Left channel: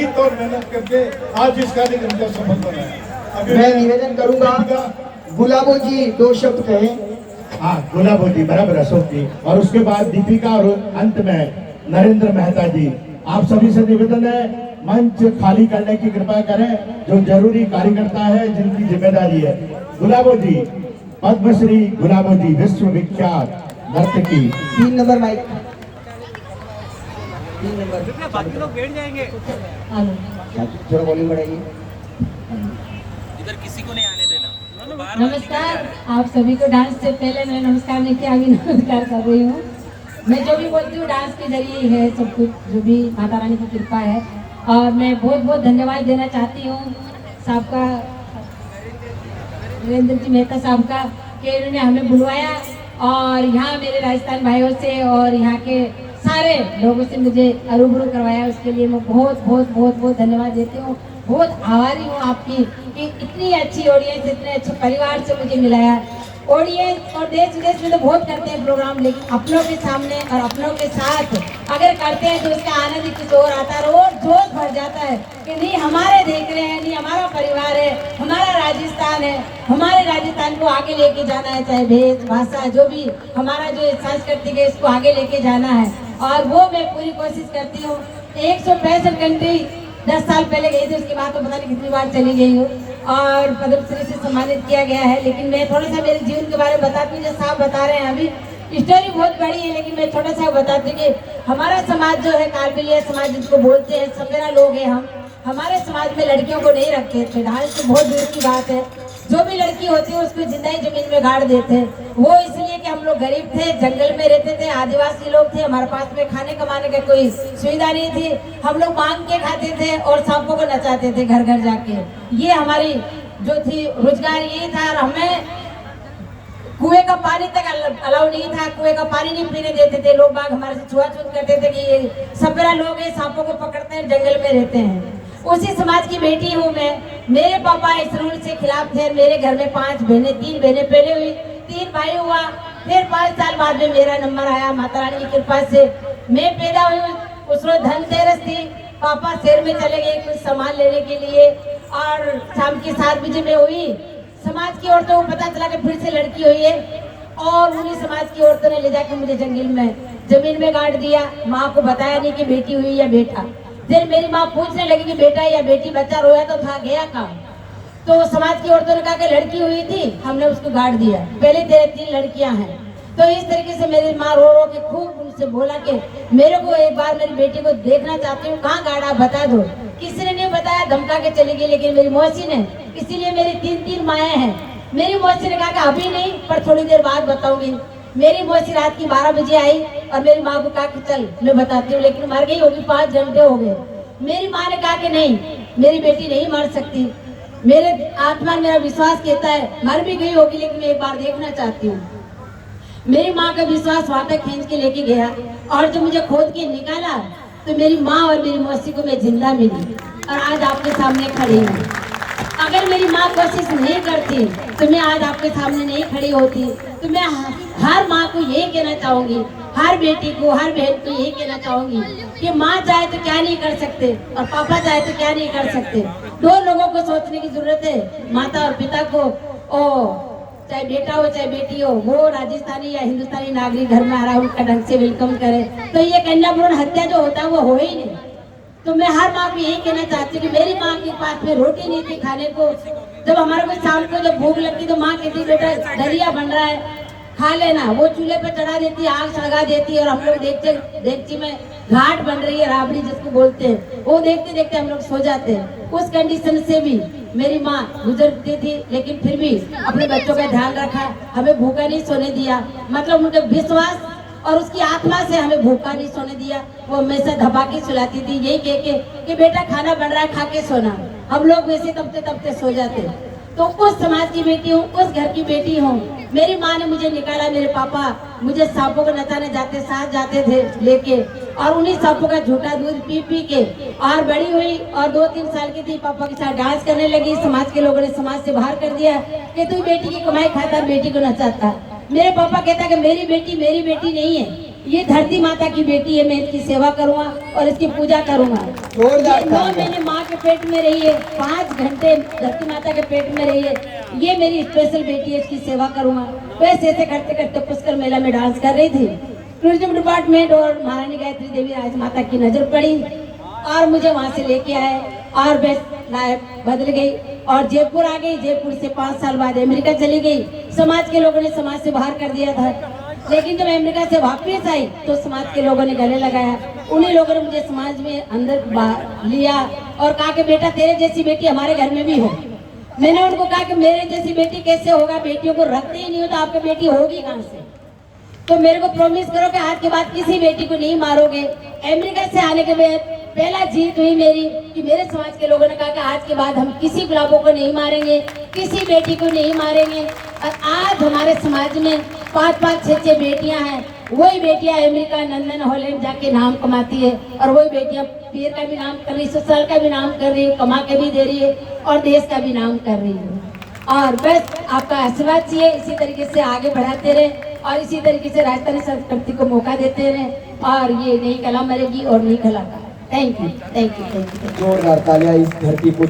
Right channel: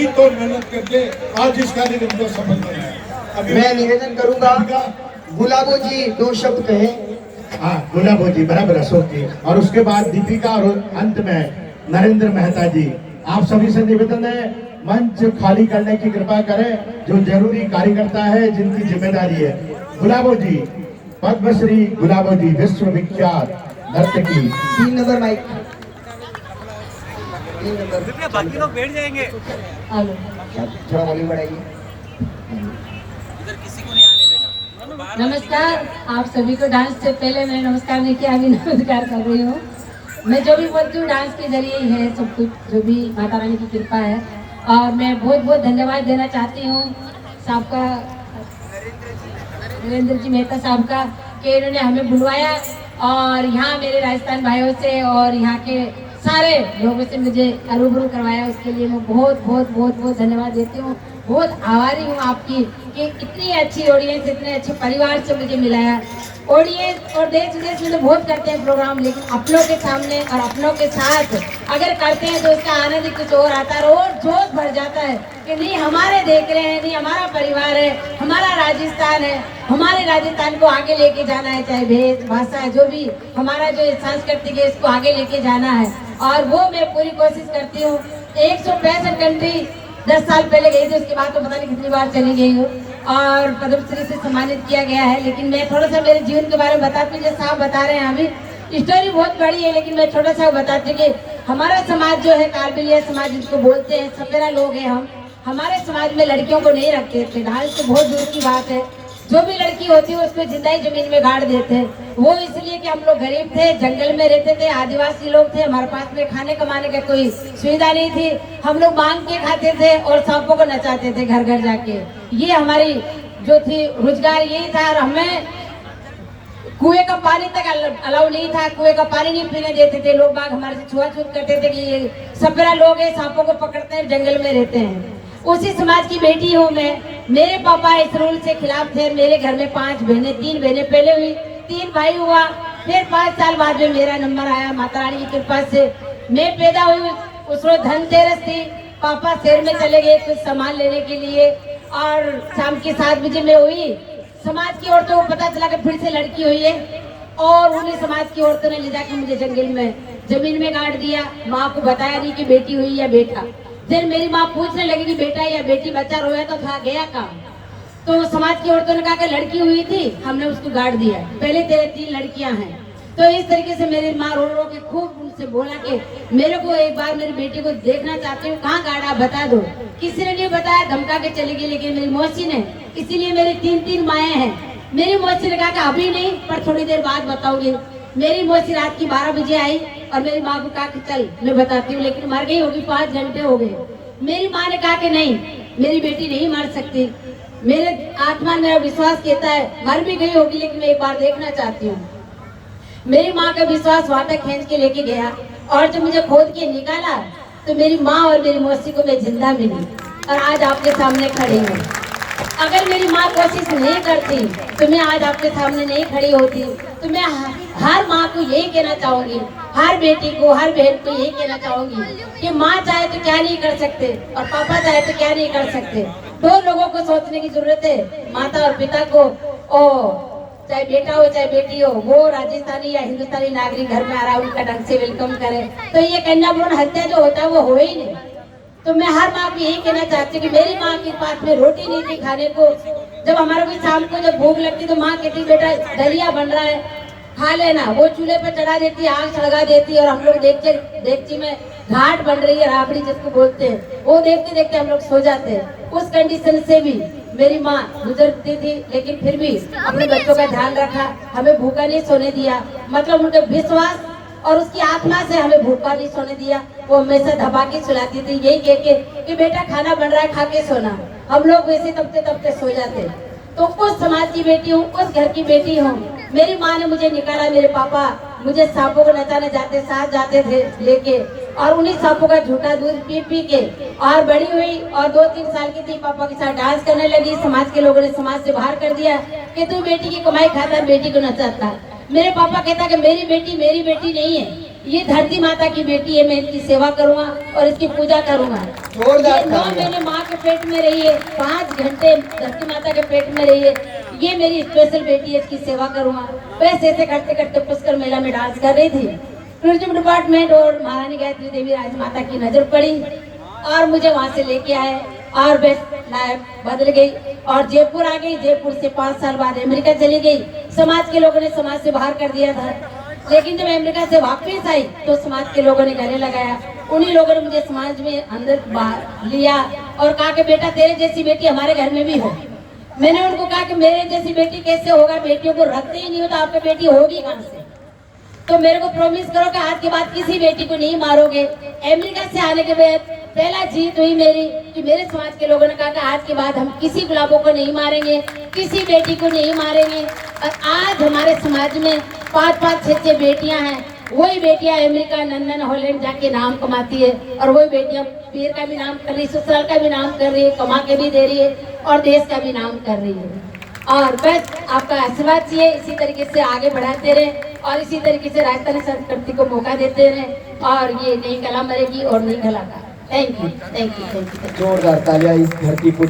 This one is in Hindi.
जी तोड़ मेहनत करके आज इस कार्यक्रम को सफल बनाया। मैं निवेदन करूंगा गुलाबो जी 2 शब्द कहें। हाँ, गुलाबो जी बराबर अशोक जी, और उसके बाद दीपिका और अंत में नरेंद्र मेहता जी। आप सभी से निवेदन है मंच खाली करने की कृपा करें, जो जरूरी कार्यकर्ता है जिनकी जिम्मेदारी है। गुलाबो जी, पद्मश्री गुलाबो जी, विश्वविख्यात नर्तकी। 3 नंबर माइक, 3 नंबर। बाकी लोग बैठ जाएंगे। थोड़ा वॉल्यूम बढ़ाइए। इधर किसी को नहीं आने देना। नमस्कार, आप सभी को। डांस से पहले मैं नमस्कार नहीं किया, अभी नमस्कार कर रही हूँ। मैं जो भी बोलती हूँ डांस के जरिए ही है सब कुछ, जो भी माता रानी की कृपा है। और मैं बहुत बहुत धन्यवाद देना चाहती हूँ साहब का, नरेंद्र जी मेहता साहब का, कि इन्होंने हमें बुलवाया और यहाँ मेरे राजस्थान भाइयों से और यहाँ के सारे लोगों से मुझे रूबरू करवाया। उसके लिए मैं बहुत बहुत बहुत बहुत धन्यवाद देती हूँ। बहुत आभारी हूँ आपकी कि इतनी अच्छी ऑडियंस, इतने अच्छे परिवार से मुझे मिलाया। ऑडियंस और देश विदेश में तो बहुत करते हैं प्रोग्राम, लेकिन अपनों के सामने और अपनों के साथ अगर करते हैं तो उसका आनंद ही कुछ और आता है और जोश भर जाता है कि नहीं हमारे देख रहे हैं, नहीं हमारा परिवार है, हमारा राजस्थान है, हमारे राजस्थान को आगे लेके जाना है। चाहे भेष भाषा जो भी हमारा जो सांस्कृतिक है इसको आगे लेके जाना है, और वो मैं पूरी कोशिश करती हूँ। 165 कंट्री 10 साल पहले गई थी, उसके बाद तो पता नहीं कितनी बार चली गई हूँ और पद्मश्री से सम्मानित किया गया है। लेकिन मैं थोड़ा सा मेरे जीवन के बारे में बताती हूँ। जो साहब बता रहे हैं अभी स्टोरी बहुत बड़ी है, लेकिन मैं थोड़ा सा बताती हूँ कि हमारा समाज जो है कारबिलिया समाज जिसको बोलते हैं, सपेरा लोग हैं हम। हमारे समाज में लड़कियों को नहीं रखते थे, डांस तो बहुत दूर की बात है। जो भी लड़की होती है उसको जिंदा ही जमीन में गाड़ देते हैं। वो इसलिए कि हम लोग गरीब थे, जंगल में रहते थे, आदिवासी लोग थे, हमारे पास में खाने कमाने का कोई सुविधा नहीं थी। हम लोग मांग के खाते थे और सांपों को नचाते थे घर घर जाके। ये हमारी जो थी रोजगार यही था। और हमें कुएं का पानी तक अलाउ नहीं था, कुएं का पानी नहीं पीने देते थे। लोग बाग हमारे से छुआछूत करते थे कि ये सपेरा लोग हैं, सांपों को पकड़ते हैं, जंगल में रहते हैं। उसी समाज की बेटी हूँ मैं। मेरे पापा इस रूल से खिलाफ थे। मेरे घर में 5 बहनें, 3 बहनें पहले हुई, 3 भाई हुआ। फिर 5 साल बाद में मेरा नंबर आया माता रानी की कृपा से। मैं पैदा हुई उस रोज धनतेरस थी। पापा शहर में चले गए कुछ सामान लेने के लिए और शाम की 7 बजे में हुई। समाज की औरतों को पता चला कि फिर से लड़की हुई है और उन्हीं समाज की औरतों ने ले जाकर मुझे जंगल में जमीन में गाड़ दिया। माँ को बताया नहीं कि बेटी हुई या बेटा। फिर मेरी माँ पूछने लगी कि बेटा या बेटी, बच्चा रोया तो था, गया काम। तो समाज की औरतों ने कहा कि लड़की हुई थी, हमने उसको गाड़ दिया, पहले तेरे 3 लड़कियां हैं। तो इस तरीके से मेरी माँ रो रो के खूब उनसे बोला कि मेरे को एक बार मेरी बेटी को देखना चाहती हूँ, कहाँ गाड़ा बता दो। किसी ने नहीं बताया, धमका के चली गई। लेकिन मेरी मौसी ने, इसीलिए मेरी 3 माएँ हैं। मेरी मौसी ने कहा कि अभी नहीं पर थोड़ी देर बाद बताऊंगी। मेरी मौसी रात की 12 बजे आई और मेरी माँ को कहा कि चल मैं बताती हूँ, लेकिन मर गई होगी, 5 घंटे हो गए। मेरी माँ ने कहा कि नहीं, मेरी बेटी नहीं मर सकती। मेरे आत्मा मेरा विश्वास कहता है मर भी गई होगी, लेकिन मैं एक बार देखना चाहती हूँ। मेरी माँ का विश्वास वाटर खींच के लेके गया और जब मुझे खोद के निकाला तो मेरी माँ और मेरी मौसी को मैं जिंदा मिली और आज आपके सामने खड़ी हूँ। अगर मेरी माँ कोशिश नहीं करती तो मैं आज आपके सामने नहीं खड़ी होती। तो मैं हर माँ को यही कहना चाहूंगी, हर बेटी को, हर बहन को यही कहना चाहूंगी कि माँ चाहे तो क्या नहीं कर सकते और पापा चाहे तो क्या नहीं कर सकते। 2 लोगों को सोचने की जरूरत है, माता और पिता को। ओ चाहे बेटा हो चाहे बेटी हो, वो राजस्थानी या हिंदुस्तानी नागरिक घर में आ रहा है, उनका ढंग से वेलकम करे। तो ये कन्या भ्रूण हत्या जो होता है वो हो ही नहीं। तो मैं हर माँ को यही कहना चाहती हूँ कि मेरी माँ के पास में रोटी नहीं थी खाने को। जब हमारे को शाम को जब भूख लगती तो माँ कहती बेटा दलिया बन रहा है, खा लेना। वो चूल्हे पर चढ़ा देती, आग सड़गा देती और हम लोग देखती में घाट बन रही है, राबड़ी जिसको बोलते हैं, वो देखते देखते हम लोग सो जाते हैं। उस कंडीशन से भी मेरी माँ गुजरती थी, लेकिन फिर भी अपने बच्चों का ध्यान रखा, हमें भूखा नहीं सोने दिया। मतलब उनका विश्वास और उसकी आत्मा से हमें भूखा नहीं सोने दिया। वो हमेशा धबाकी सुलाती थी, यही कह के कि बेटा खाना बन रहा है, खा के सोना। हम लोग वैसे तबते तबते सो जाते। तो उस समाज की बेटी हूँ, उस घर की बेटी हूँ। मेरी माँ ने मुझे निकाला, मेरे पापा मुझे सांपों को नचाने जाते, साथ जाते थे लेके, और उन्हीं सांपों का झूठा दूध पी पी के और बड़ी हुई और 2-3 साल की थी, पापा के साथ डांस करने लगी। समाज के लोगों ने समाज से बाहर कर दिया कि तू बेटी की कमाई खाता, बेटी को नचाता। मेरे पापा कहता कि मेरी बेटी नहीं है, ये धरती माता की बेटी है, मैं इसकी सेवा करूंगा और इसकी पूजा करूंगा। 9 महीने पेट में रही है, 5 घंटे धरती माता के पेट में रही है। ये मेरी स्पेशल बेटी है, इसकी सेवा करूंगा। वैसे ऐसे करते करते पुष्कर मेला में डांस कर रही थी। टूरिज्म डिपार्टमेंट और महारानी गायत्री देवी राजमाता की नजर पड़ी और मुझे वहां से लेके आए और बेस्ट लाइफ बदल गई और जयपुर आ गई। जयपुर से 5 साल बाद अमेरिका चली गई। समाज के लोगों ने समाज से बाहर कर दिया था, लेकिन जब अमेरिका से वापस आई तो समाज के लोगों ने गले लगाया। उन्हीं लोगों ने मुझे समाज में अंदर बाहर लिया और कहा कि बेटा तेरे जैसी बेटी हमारे घर में भी हो। मैंने उनको कहा कि मेरे जैसी बेटी कैसे होगा, बेटियों को रखते ही नहीं हो तो आपकी बेटी होगी कहाँ से। तो मेरे को प्रॉमिस करो कि आज के बाद किसी बेटी को नहीं मारोगे। अमेरिका से आने के बाद पहला जीत हुई मेरी कि मेरे समाज के लोगों ने कहा कि आज के बाद हम किसी गुलाबों को नहीं मारेंगे, किसी बेटी को नहीं मारेंगे। और आज हमारे समाज में 5-5, 6-6 बेटियां हैं। वही बेटियां अमेरिका, लंदन, हॉलैंड जाके नाम कमाती है और वही बेटियां पीर का भी नाम कर रही है, ससुराल का भी नाम कर रही है, कमा के भी दे रही है और देश का भी नाम कर रही है। और बस आपका आशीर्वाद चाहिए, इसी तरीके से आगे बढ़ाते रहे और इसी तरीके से राजस्थानी संस्कृति को मौका देते रहे और ये नई कला मरेगी और नई कला का। Thank you, thank you, thank you. जोरदार तालियां इस धरती को